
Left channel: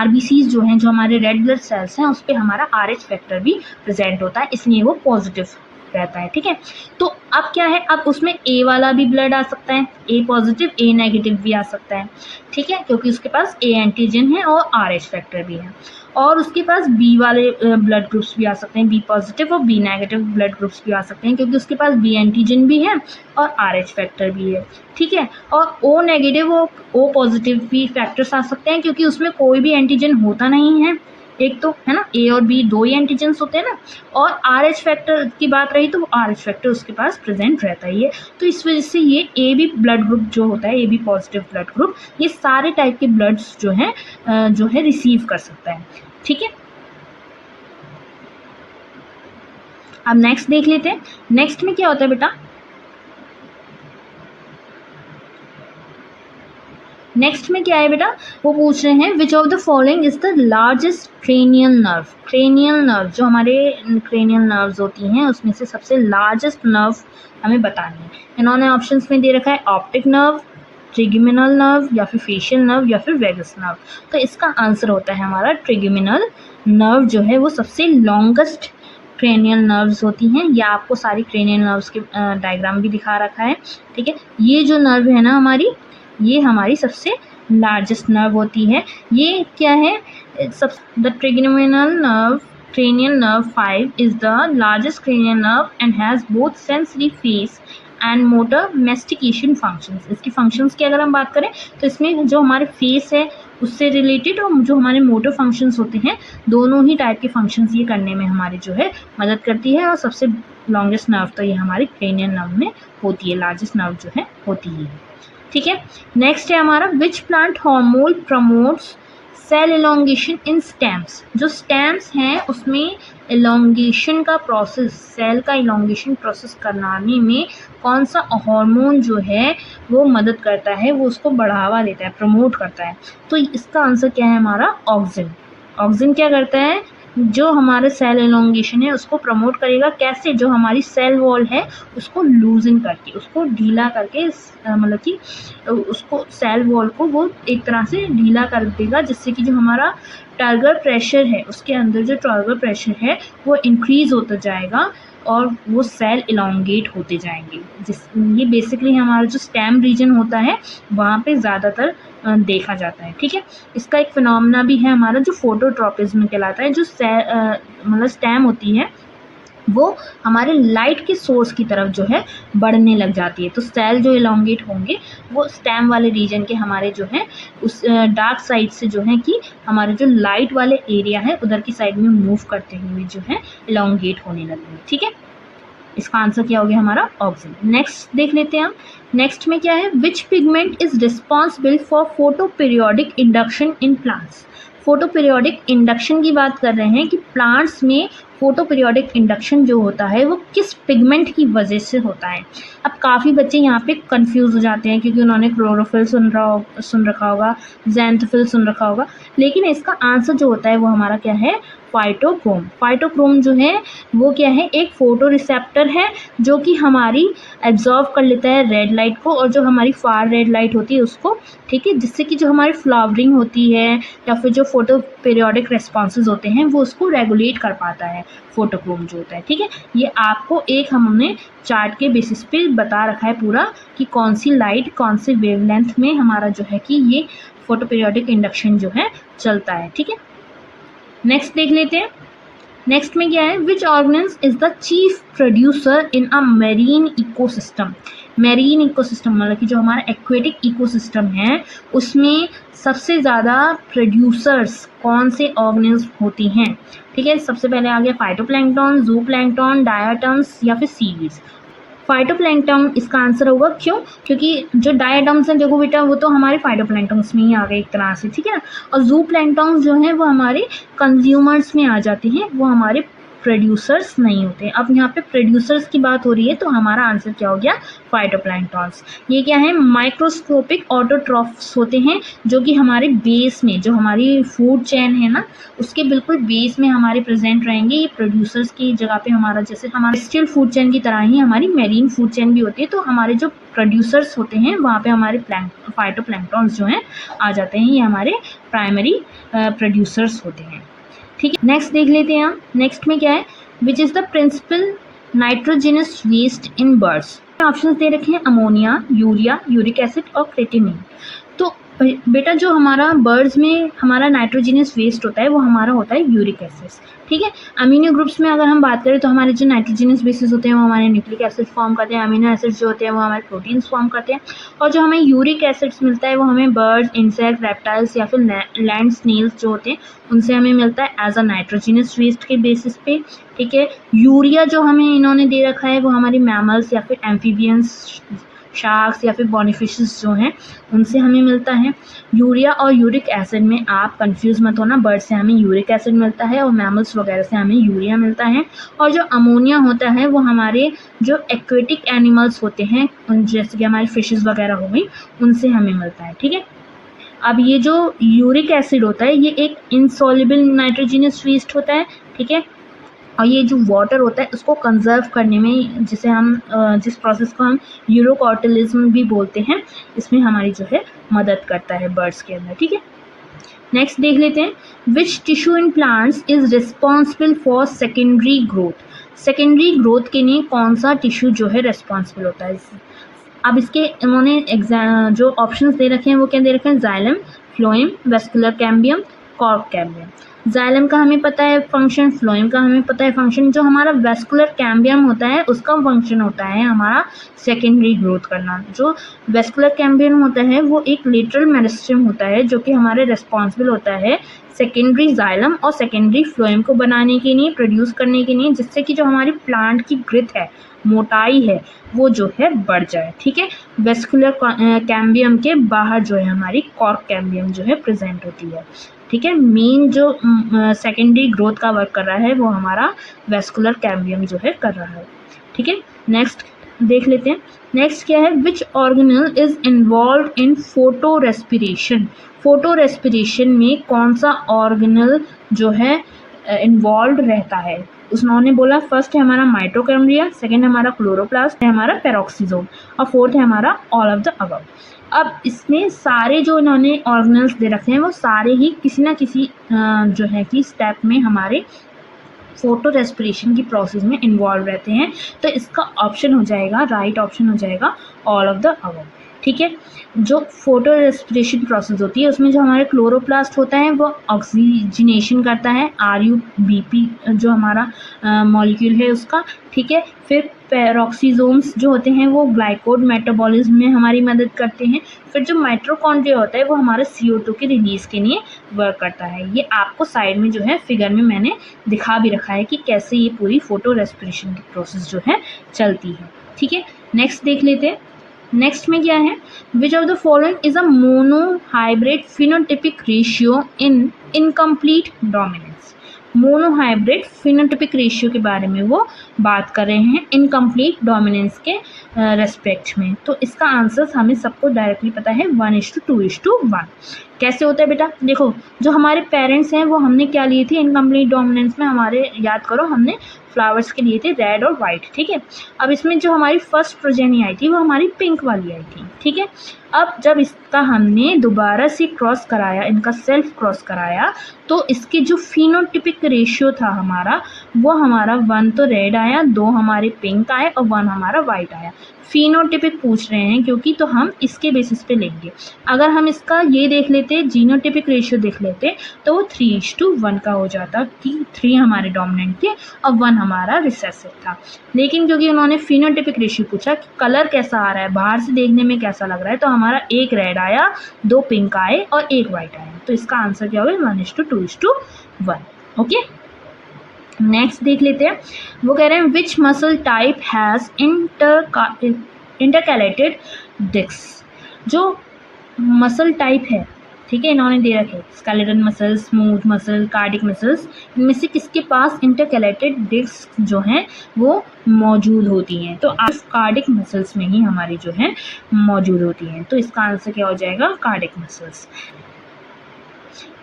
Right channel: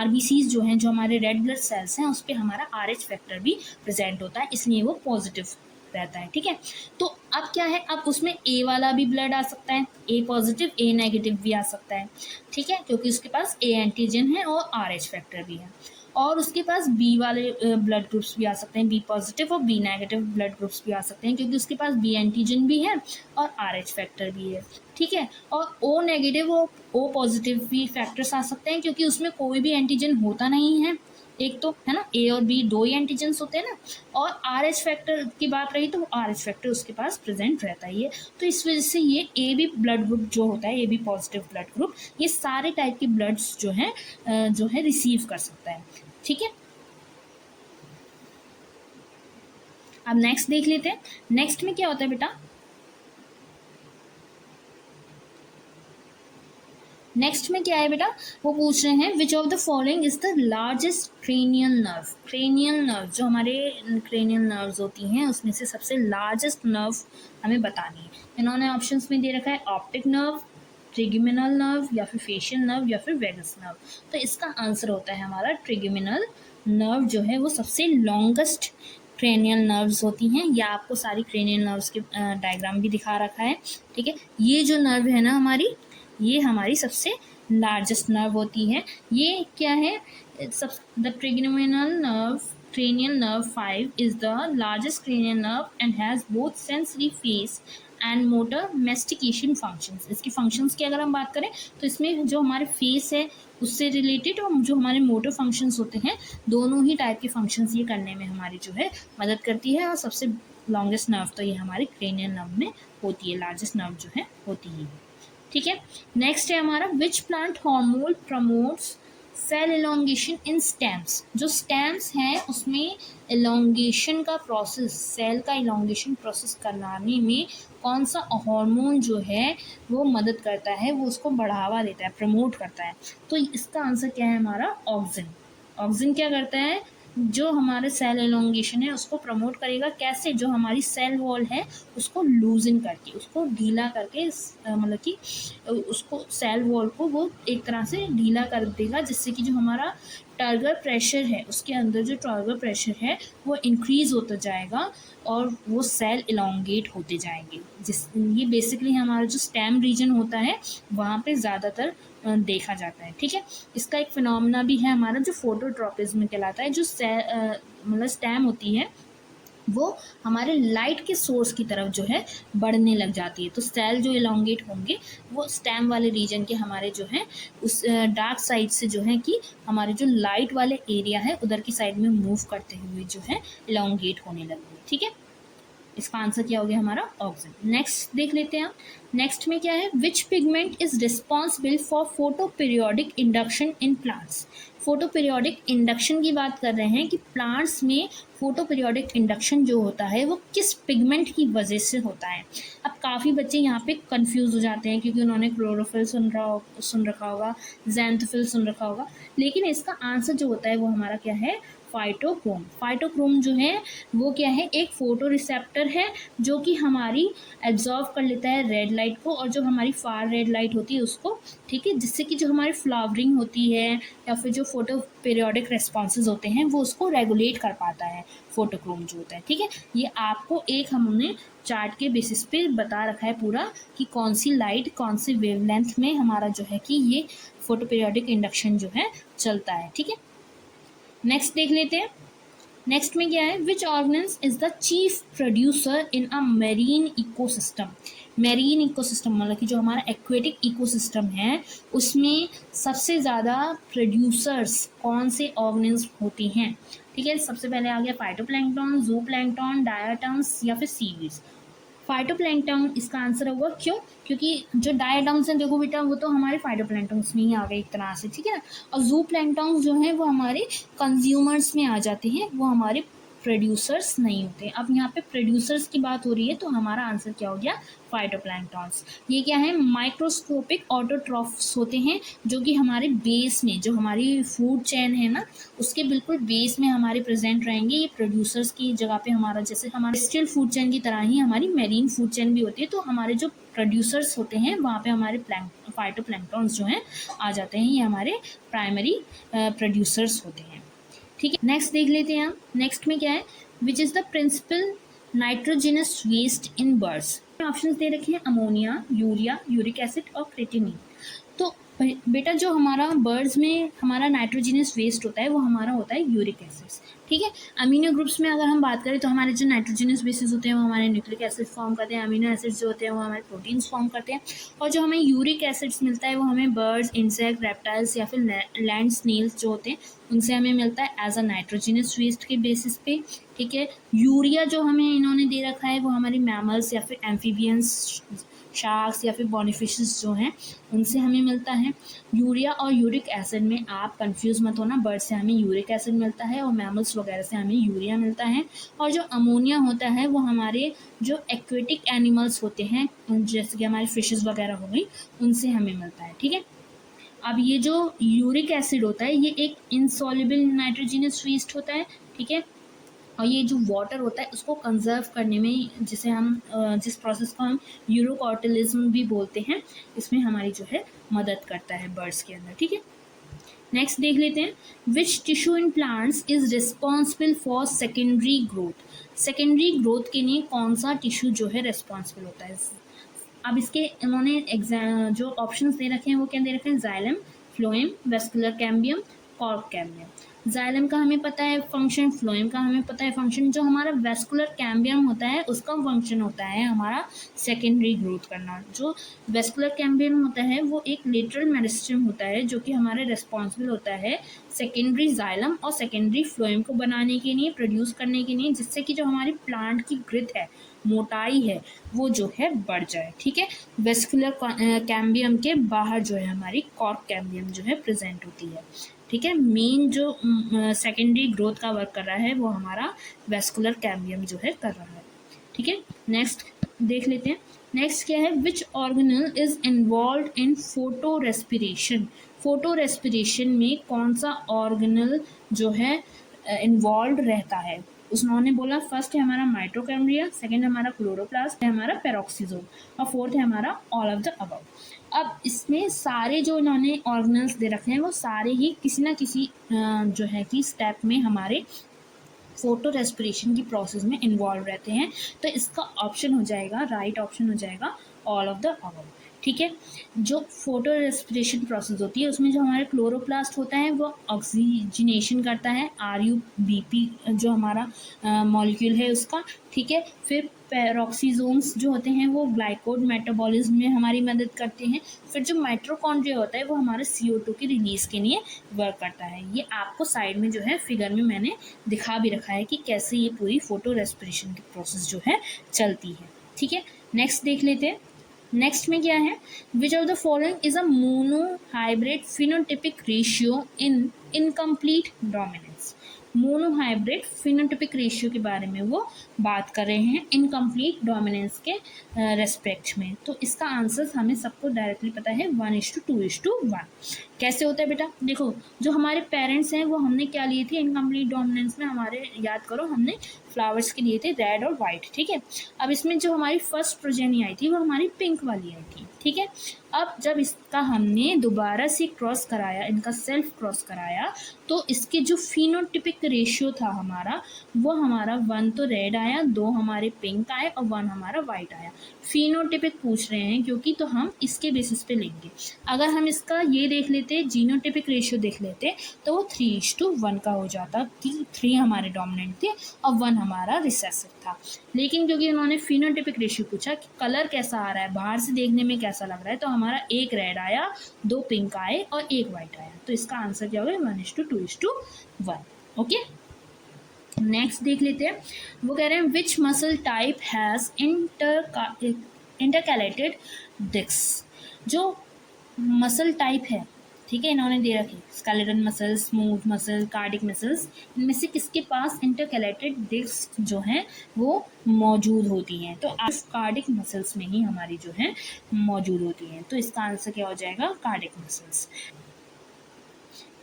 RBCs जो हैं, जो हमारे रेड ब्लड सेल्स हैं, उस पर हमारा RH फैक्टर भी प्रेजेंट होता है, इसलिए वो पॉजिटिव रहता है, ठीक है। तो अब क्या है, अब उसमें A वाला भी ब्लड आ सकता है, A पॉजिटिव A नेगेटिव भी आ सकता है, ठीक है, क्योंकि उसके पास A एंटीजन है और RH फैक्टर भी है। और उसके पास B वाले ब्लड ग्रुप्स भी आ सकते हैं, B पॉजिटिव और B नेगेटिव ब्लड ग्रुप्स भी आ सकते हैं, क्योंकि उसके पास B एंटीजन भी है और RH फैक्टर भी है, ठीक है। और O नेगेटिव और O पॉजिटिव भी फैक्टर्स आ सकते हैं, क्योंकि उसमें कोई भी एंटीजन होता नहीं है, एक तो है ना, A और B दो ही एंटीजन्स होते हैं ना। और RH फैक्टर की बात रही तो RH फैक्टर उसके पास प्रेजेंट रहता ही है। तो इस वजह से ये AB ब्लड ग्रुप जो होता है, AB पॉजिटिव ब्लड ग्रुप, ये सारे टाइप के ब्लड्स जो है रिसीव कर सकता है, ठीक है। अब नेक्स्ट देख लेते हैं, नेक्स्ट में क्या होता है बेटा। नेक्स्ट में क्या है बेटा, वो पूछ रहे हैं which of the following is the largest cranial nerve. Cranial nerve जो हमारे क्रेनियल नर्व्स होती हैं उसमें से सबसे लार्जेस्ट नर्व हमें बतानी है। इन्होंने ऑप्शंस में दे रखा है ऑप्टिक नर्व, ट्रिग्मिनल नर्व, या फिर फेशियल नर्व, या फिर वेगस नर्व। तो इसका आंसर होता है हमारा ट्रिग्मिनल नर्व जो है वो सबसे लॉन्गेस्ट क्रेनियल नर्व्स होती हैं। या आपको सारी क्रेनियल नर्व्स के डायग्राम भी दिखा रखा है, ठीक है। ये जो नर्व है ना हमारी, ये हमारी सबसे लार्जेस्ट नर्व होती है। ये क्या है, सब the ट्रिग्मिनल nerve cranial nerve 5 is the largest cranial nerve and has both sensory phase and motor mastication functions। इसकी functions की अगर हम बात करें तो इसमें जो हमारे फेस है उससे रिलेटेड और जो हमारे मोटर फंक्शंस होते हैं, दोनों ही टाइप के फंक्शंस ये करने में हमारी जो है मदद करती है। और सबसे लॉन्गेस्ट नर्व तो ये हमारी क्रेनियल नर्व में होती है, लार्जेस्ट नर्व जो है होती ही है, ठीक है। नेक्स्ट है हमारा which plant hormone promotes cell elongation in stems. जो स्टेम्स हैं उसमें इलोंगेशन का प्रोसेस, सेल का इलोंगेशन प्रोसेस कराने में कौन सा हार्मोन जो है वो मदद करता है, वो उसको बढ़ावा देता है, प्रमोट करता है। तो इसका आंसर क्या है हमारा, ऑक्सिन। ऑक्सिन क्या करता है, जो हमारे सेल इलोंगेशन है उसको प्रमोट करेगा। कैसे, जो हमारी सेल वॉल है उसको लूजन करके, उसको ढीला करके, मतलब कि उसको सेल वॉल को वो एक तरह से ढीला कर देगा, जिससे कि जो हमारा टारगेट प्रेशर है, उसके अंदर जो टारगेट प्रेशर है वो इंक्रीज़ होता जाएगा और वो सेल इलोंगेट होते जाएंगे। ये बेसिकली हमारा जो स्टेम रीजन होता है वहाँ पे ज़्यादातर देखा जाता है, ठीक है। इसका एक फिनोमेना भी है हमारा जो फोटोट्रॉपिज्म कहलाता है। जो मतलब स्टेम होती है वो हमारे लाइट के सोर्स की तरफ जो है बढ़ने लग जाती है। तो सेल जो इलोंगेट होंगे वो स्टेम वाले रीजन के हमारे जो है उस डार्क साइड से जो है कि हमारे जो लाइट वाले एरिया है उधर की साइड में मूव करते हुए जो है इलोंगेट होने लगेंगे, ठीक है। इसका आंसर क्या हो गया हमारा, ऑक्सिन। नेक्स्ट देख लेते हैं हम, नेक्स्ट में क्या है, which pigment is responsible for photoperiodic induction in plants. Photoperiodic induction की बात कर रहे हैं कि प्लांट्स में फोटो पीरियोडिक इंडक्शन जो होता है वो किस पिगमेंट की वजह से होता है। अब काफ़ी बच्चे यहाँ पे कंफ्यूज हो जाते हैं क्योंकि उन्होंने क्लोरोफिल सुन रखा होगा, ज़ैंथोफिल सुन रखा होगा, लेकिन इसका आंसर जो होता है वो हमारा क्या है, फाइटोक्रोम। फाइटोक्रोम जो है वो क्या है, एक फोटो रिसेप्टर है जो कि हमारी एब्जॉर्व कर लेता है रेड लाइट को, और जो हमारी फार रेड लाइट होती है उसको, ठीक है, जिससे कि जो हमारी फ्लावरिंग होती है या फिर जो फोटो पीरियोडिक रिस्पॉन्सेज होते हैं वो उसको रेगुलेट कर पाता है, फोटोक्रोम जो होता है, ठीक है। ये आपको एक हमने चार्ट के बेसिस पे बता रखा है पूरा कि कौन सी लाइट कौन से वेवलेंथ में हमारा जो है कि ये फोटो पीरियोडिक इंडक्शन जो है चलता है, ठीक है। नेक्स्ट देख लेते हैं, नेक्स्ट में क्या है, which organism is the chief producer in a marine ecosystem. Marine ecosystem मतलब कि जो हमारा एक्वेटिक इकोसिस्टम है उसमें सबसे ज़्यादा प्रोड्यूसर्स कौन से ऑर्गेनिज्म होती हैं। ठीक है, सबसे पहले आ गया फाइटोप्लैंक्टन, जूप्लैंक्टन, डायटम्स या फिर सीड्स। फाइटोप्लैंक्टन इसका आंसर होगा, क्यों? क्योंकि जो डायटम्स हैं देखो बेटा वो तो हमारे फाइटोप्लैंक्टन्स में ही आ गए एक तरह से, ठीक है ना। और जू प्लैंक्टन्स जो हैं वो हमारे कंज्यूमर्स में आ जाते हैं, वो हमारे प्रोड्यूसर्स नहीं होते। अब यहाँ पे प्रोड्यूसर्स की बात हो रही है तो हमारा आंसर क्या हो गया, फाइटोप्लैंक्टन्स। ये क्या है, माइक्रोस्कोपिक ऑटोट्रॉफ्स होते हैं जो कि हमारे बेस में, जो हमारी फूड चेन है ना उसके बिल्कुल बेस में हमारे प्रेजेंट रहेंगे। ये प्रोड्यूसर्स की जगह पे हमारा, जैसे हमारे स्टिल फूड चेन की तरह ही हमारी मेरीन फूड चेन भी होती है, तो हमारे जो प्रोड्यूसर्स होते हैं वहाँ पे हमारे फाइटोप्लैंक्टन्स जो हैं आ जाते हैं, ये हमारे प्राइमरी प्रोड्यूसर्स होते हैं। ठीक है, नेक्स्ट देख लेते हैं हम। नेक्स्ट में क्या है, which is the principal nitrogenous waste in birds. Options दे रखे हैं, अमोनिया, यूरिया, यूरिक एसिड और क्रेटिनिन। तो बेटा जो हमारा बर्ड्स में हमारा नाइट्रोजिनस वेस्ट होता है वो हमारा होता है यूरिक एसिड्स। ठीक है, अमीनो ग्रुप्स में अगर हम बात करें तो हमारे जो नाइट्रोजिनस बेसिस होते हैं वो हमारे न्यूक्लिक एसिड फॉर्म करते हैं, अमीनो एसिड्स जो होते हैं वो हमारे प्रोटीन्स फॉर्म करते हैं, और जो हमें यूरिक एसिड्स मिलता है वो हमें बर्ड्स, इंसेक्ट, रेप्टाइल्स या फिर लैंड स्नेल्स जो होते हैं उनसे हमें मिलता है एज अ नाइट्रोजिनस वेस्ट के बेसिस पे। ठीक है, यूरिया जो हमें इन्होंने दे रखा है वो हमारी मैमल्स या फिर एम्फीबियंस, शार्क्स या फिर बॉनीफिशेस जो हैं उनसे हमें मिलता है। यूरिया और यूरिक एसिड में आप कंफ्यूज मत होना, बर्ड से हमें यूरिक एसिड मिलता है और मैमल्स वगैरह से हमें यूरिया मिलता है। और जो अमोनिया होता है वो हमारे जो एक्वेटिक एनिमल्स होते हैं जैसे कि हमारे फिशेस वगैरह हो गई उनसे हमें मिलता है। ठीक है, अब ये जो यूरिक एसिड होता है ये एक इनसॉल्युबल नाइट्रोजिनस वेस्ट होता है। ठीक है, और ये जो वाटर होता है उसको कंजर्व करने में, जिसे हम जिस प्रोसेस को हम यूरोकॉटलिज्म भी बोलते हैं, इसमें हमारी जो है मदद करता है बर्ड्स के अंदर। ठीक है, नेक्स्ट देख लेते हैं, which tissue in plants is responsible for secondary growth. Secondary growth के लिए कौन सा टिश्यू जो है रिस्पॉन्सिबल होता है। अब इसके इन्होंने जो ऑप्शंस दे रखे हैं वो क्या दे रखे हैं, xylem, phloem, vascular cambium, cork cambium. Xylem का हमें पता है फंक्शन, फ्लोएम का हमें पता है फंक्शन, जो हमारा वेस्कुलर कैम्बियम होता है उसका फंक्शन होता है हमारा सेकेंडरी ग्रोथ करना। जो वेस्कुलर कैम्बियम होता है वो एक लेटरल मेरिस्टेम होता है जो कि हमारे रिस्पॉन्सिबल होता है सेकेंडरी जाइलम और सेकेंडरी फ्लोएम को बनाने के लिए, प्रोड्यूस करने के लिए, जिससे कि जो हमारी प्लांट की ग्रोथ है, मोटाई है, वो जो है बढ़ जाए। ठीक है, वेस्कुलर कैम्बियम के बाहर जो है हमारी कॉर्क कैम्बियम जो है प्रेजेंट होती है। ठीक है, मेन जो सेकेंडरी ग्रोथ का वर्क कर रहा है वो हमारा वेस्कुलर कैम्बियम जो है कर रहा है। ठीक है, नेक्स्ट देख लेते हैं। नेक्स्ट क्या है, विच organelle is involve in photo respiration. Photo respiration में कौन सा ऑर्गेनल जो है इन्वॉल्व रहता है। उन्होंने बोला फर्स्ट है हमारा माइटोकॉन्ड्रिया, सेकंड है हमारा क्लोरोप्लास्ट, है हमारा पेरोक्सिसोम, और फोर्थ है हमारा ऑल ऑफ द अबव। अब इसमें सारे जो इन्होंने ऑर्गेनल्स दे रखे हैं वो सारे ही किसी ना किसी जो है कि स्टेप में हमारे फोटो रेस्पिरेशन की प्रोसेस में इन्वॉल्व रहते हैं, तो इसका ऑप्शन हो जाएगा, राइट ऑप्शन हो जाएगा ऑल ऑफ द अबव। ठीक है, जो फोटो रेस्पिरेशन प्रोसेस होती है उसमें जो हमारे क्लोरोप्लास्ट होता है वो ऑक्सीजनेशन करता है, RUBP जो हमारा मॉलिक्यूल है उसका। ठीक है, फिर पेरोक्सिसोम्स जो होते हैं वो ग्लाइकोड मेटाबॉलिज्म में हमारी मदद करते हैं। फिर जो माइटोकॉन्ड्रिया होता है वो हमारे CO2 के रिलीज के लिए वर्क करता है। ये आपको साइड में जो है फिगर में मैंने दिखा भी रखा है कि कैसे ये पूरी फोटो रेस्पिरेशन की प्रोसेस जो है चलती है। ठीक है, नेक्स्ट देख लेते हैं। नेक्स्ट में क्या है, which of the following is a monohybrid phenotypic ratio in incomplete dominance. Monohybrid phenotypic ratio के बारे में वो बात कर रहे हैं इनकम्प्लीट डोमिनेंस के रेस्पेक्ट में। तो इसका आंसर हमें सबको डायरेक्टली पता है 1:2:1। कैसे होता है बेटा, देखो जो हमारे पेरेंट्स हैं वो हमने क्या लिए थे इनकम्प्लीट डोमिनेंस में, हमारे याद करो हमने फ्लावर्स के लिए थे रेड और वाइट। ठीक है, अब इसमें जो हमारी फर्स्ट प्रोजेनी आई थी वो हमारी पिंक वाली आई थी। ठीक है, अब जब इसका हमने दोबारा से क्रॉस कराया, इनका सेल्फ क्रॉस कराया, तो इसके जो फिनोटिपिक रेशियो था हमारा वो हमारा 1 तो रेड आया, 2 हमारे पिंक आए और 1 हमारा वाइट आया। फिनोटिपिक पूछ रहे हैं क्योंकि, तो हम इसके बेसिस पे लेंगे। अगर हम इसका ये देख लेते, जीनोटिपिक रेशियो देख लेते, तो वो 3:1 का हो जाता कि 3 हमारे डोमिनेंट थे और 1 हमारा रिसेसिव था। लेकिन क्योंकि उन्होंने फिनोटिपिक रेशियो पूछा कि कलर कैसा आ रहा है, बाहर से देखने में कैसा लग रहा है, तो हमारा 1 रेड आया, 2 पिंक आए और 1 वाइट आया। तो इसका आंसर क्या होगा? 1:2:1। ओके, नेक्स्ट देख लेते हैं। वो कह रहे हैं which muscle type has intercalated disc. जो मसल टाइप है, ठीक है, इन्होंने दे रखे skeleton muscles, smooth muscle, cardiac muscles, इनमें से किसके पास इंटरकैलेटेड डिस्क जो हैं वो मौजूद होती हैं? तो आप कार्डिक मसल्स में ही हमारी जो है मौजूद होती हैं। तो इसका आंसर क्या हो जाएगा? Cardiac muscles.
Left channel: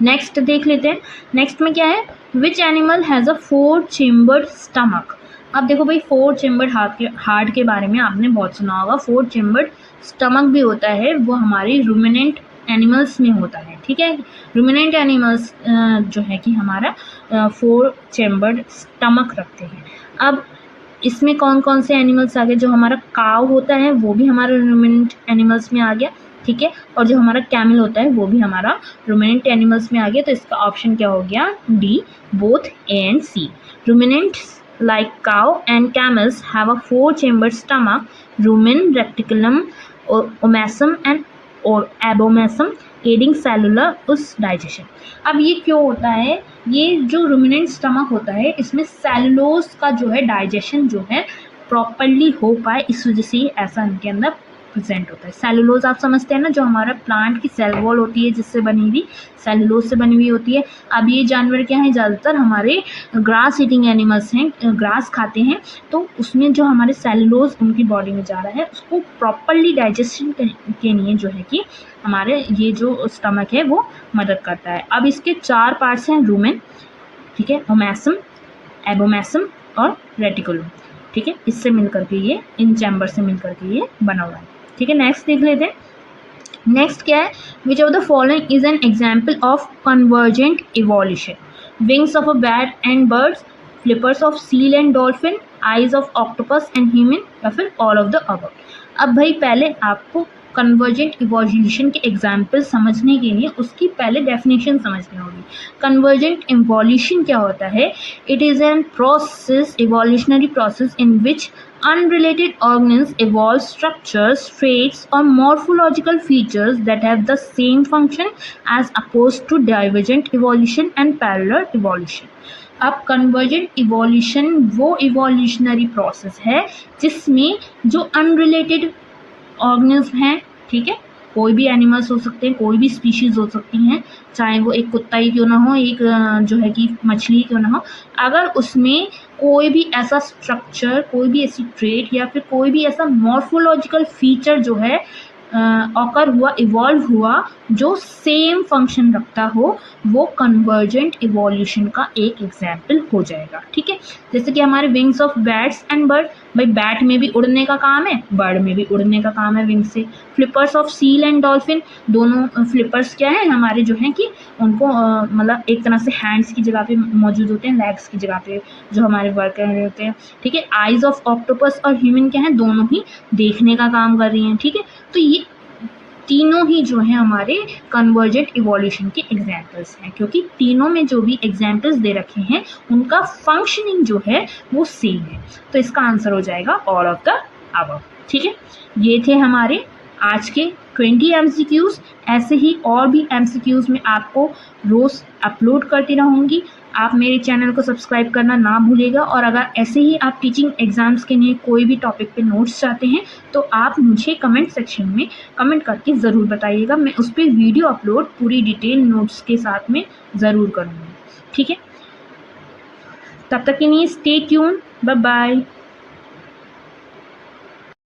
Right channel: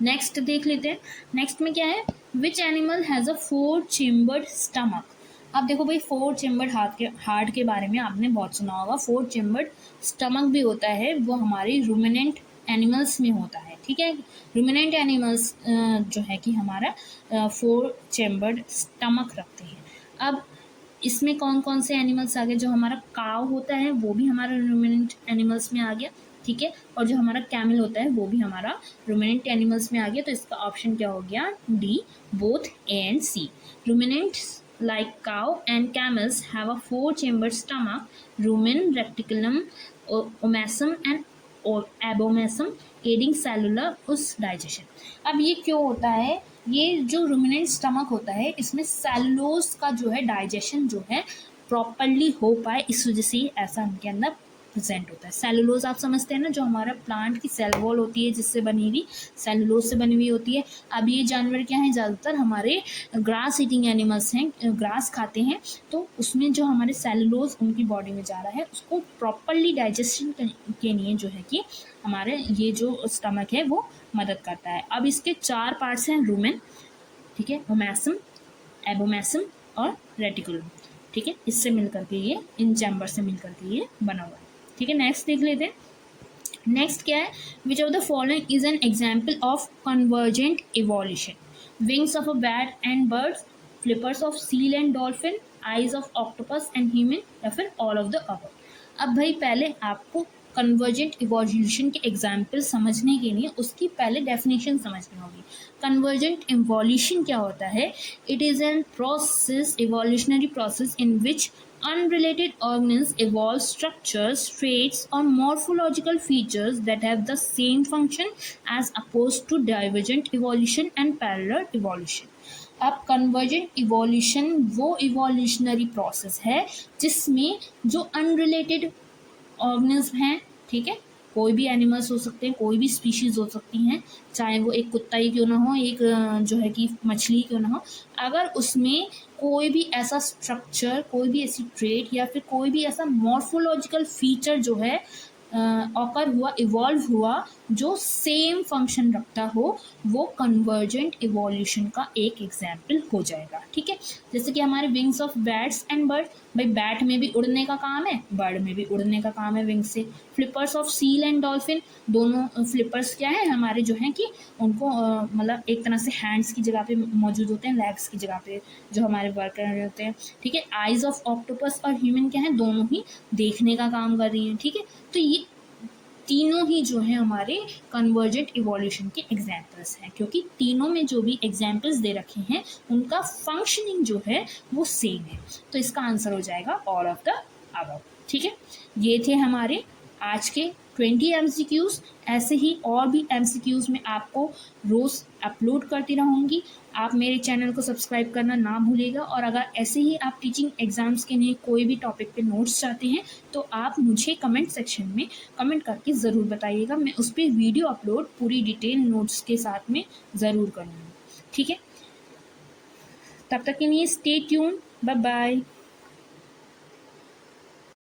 नेक्स्ट देख लेते हैं। नेक्स्ट में क्या है? Which animal has a 4 chambered stomach. अब देखो भाई, 4 चेम्बर्ड हार्ट के बारे में आपने बहुत सुना होगा। 4 चेम्बर्ड स्टमक भी होता है, वो हमारी रूमिनेंट एनिमल्स में होता है, ठीक है। रूमिनेंट एनिमल्स जो है कि हमारा 4 चेम्बर्ड स्टमक रखते हैं। अब इसमें कौन कौन से एनिमल्स आ गए? जो हमारा काव होता है वो भी हमारा रूमिनेंट एनिमल्स में आ गया, ठीक है। और जो हमारा कैमल होता है वो भी हमारा रूमिनेंट एनिमल्स में आ गया। तो इसका ऑप्शन क्या हो गया? D, both A and C. Ruminants like cow and camels have a 4-chambered stomach, rumen, reticulum, omasum and abomasum, aiding cellular digestion। अब ये क्यों होता है? ये जो रूमिनेंट स्टमक होता है, इसमें सेलुलोज का जो है डाइजेशन जो है प्रॉपरली हो पाए, इस वजह से ऐसा इनके अंदर प्रेजेंट होता है। सेलुलोज आप समझते हैं ना, जो हमारा प्लांट की सेल वॉल होती है जिससे बनी हुई, सेलुलोज से बनी हुई होती है। अब ये जानवर क्या है? ज़्यादातर हमारे ग्रास ईटिंग एनिमल्स हैं, ग्रास खाते हैं। तो उसमें जो हमारे सेलुलोज उनकी बॉडी में जा रहा है, उसको प्रॉपरली डाइजेशन के लिए जो है कि हमारे ये जो स्टमक है वो मदद करता है। अब इसके 4 पार्ट्स हैं, रूमेन, ठीक है, ओमैसम, एबोमैसम और रेटिकुलम, ठीक है। इससे मिलकर के ये, इन चैम्बर से मिलकर के ये बना हुआ है, ठीक है। नेक्स्ट देख लेते हैं। नेक्स्ट क्या है? Which of the following is an example of convergent evolution? Wings of a bat and birds, flippers of seal and dolphin, eyes of octopus and human, या फिर ऑल ऑफ द अबव। अब भाई पहले आपको convergent evolution के example समझने के लिए उसकी पहले डेफिनेशन समझनी होगी। कन्वर्जेंट इवोल्यूशन क्या होता है? It is an process, evolutionary process in which unrelated organisms evolve structures, traits or morphological features that have the same function as opposed to divergent evolution and parallel evolution। अब convergent evolution वो evolutionary process है जिसमें जो unrelated organism हैं, ठीक है, कोई भी एनिमल्स हो सकते हैं, कोई भी स्पीशीज़ हो सकती हैं, चाहे वो एक कुत्ता ही क्यों ना हो, एक जो है कि मछली क्यों ना हो, अगर उसमें कोई भी ऐसा स्ट्रक्चर, कोई भी ऐसी ट्रेट या फिर कोई भी ऐसा मॉर्फोलॉजिकल फीचर जो है ऑकर हुआ, इवॉल्व हुआ, जो सेम फंक्शन रखता हो, वो कन्वर्जेंट इवोल्यूशन का एक एग्जाम्पल हो जाएगा, ठीक है। जैसे कि हमारे wings of bats and bird, भाई बैट में भी उड़ने का काम है, बर्ड में भी उड़ने का काम है विंग से। Flippers of seal and dolphin, दोनों फ्लिपर्स क्या है हमारे जो हैं कि उनको मतलब एक तरह से हैंड्स की जगह पे मौजूद होते हैं, लेग्स की जगह पे जो हमारे वर्क कर रहे होते हैं, ठीक है। आइज ऑफ ऑक्टोपस और ह्यूमन क्या है? दोनों ही देखने का काम कर रही हैं, ठीक है। तो ये तीनों ही जो हैं हमारे कन्वर्जेंट इवोल्यूशन के एग्जाम्पल्स हैं, क्योंकि तीनों में जो भी एग्जाम्पल्स दे रखे हैं उनका फंक्शनिंग जो है वो सेम है। तो इसका आंसर हो जाएगा ऑल ऑफ द अबव, ठीक है। ये थे हमारे आज के 20 MCQs। ऐसे ही और भी MCQs में आपको रोज़ अपलोड करती रहूँगी। आप मेरे चैनल को सब्सक्राइब करना ना भूलिएगा। और अगर ऐसे ही आप टीचिंग एग्ज़ाम्स के लिए कोई भी टॉपिक पे नोट्स चाहते हैं तो आप मुझे कमेंट सेक्शन में कमेंट करके ज़रूर बताइएगा। मैं उस पर वीडियो अपलोड पूरी डिटेल नोट्स के साथ में ज़रूर करूँगी, ठीक है। तब तक के लिए स्टे ट्यून, बाय बाय।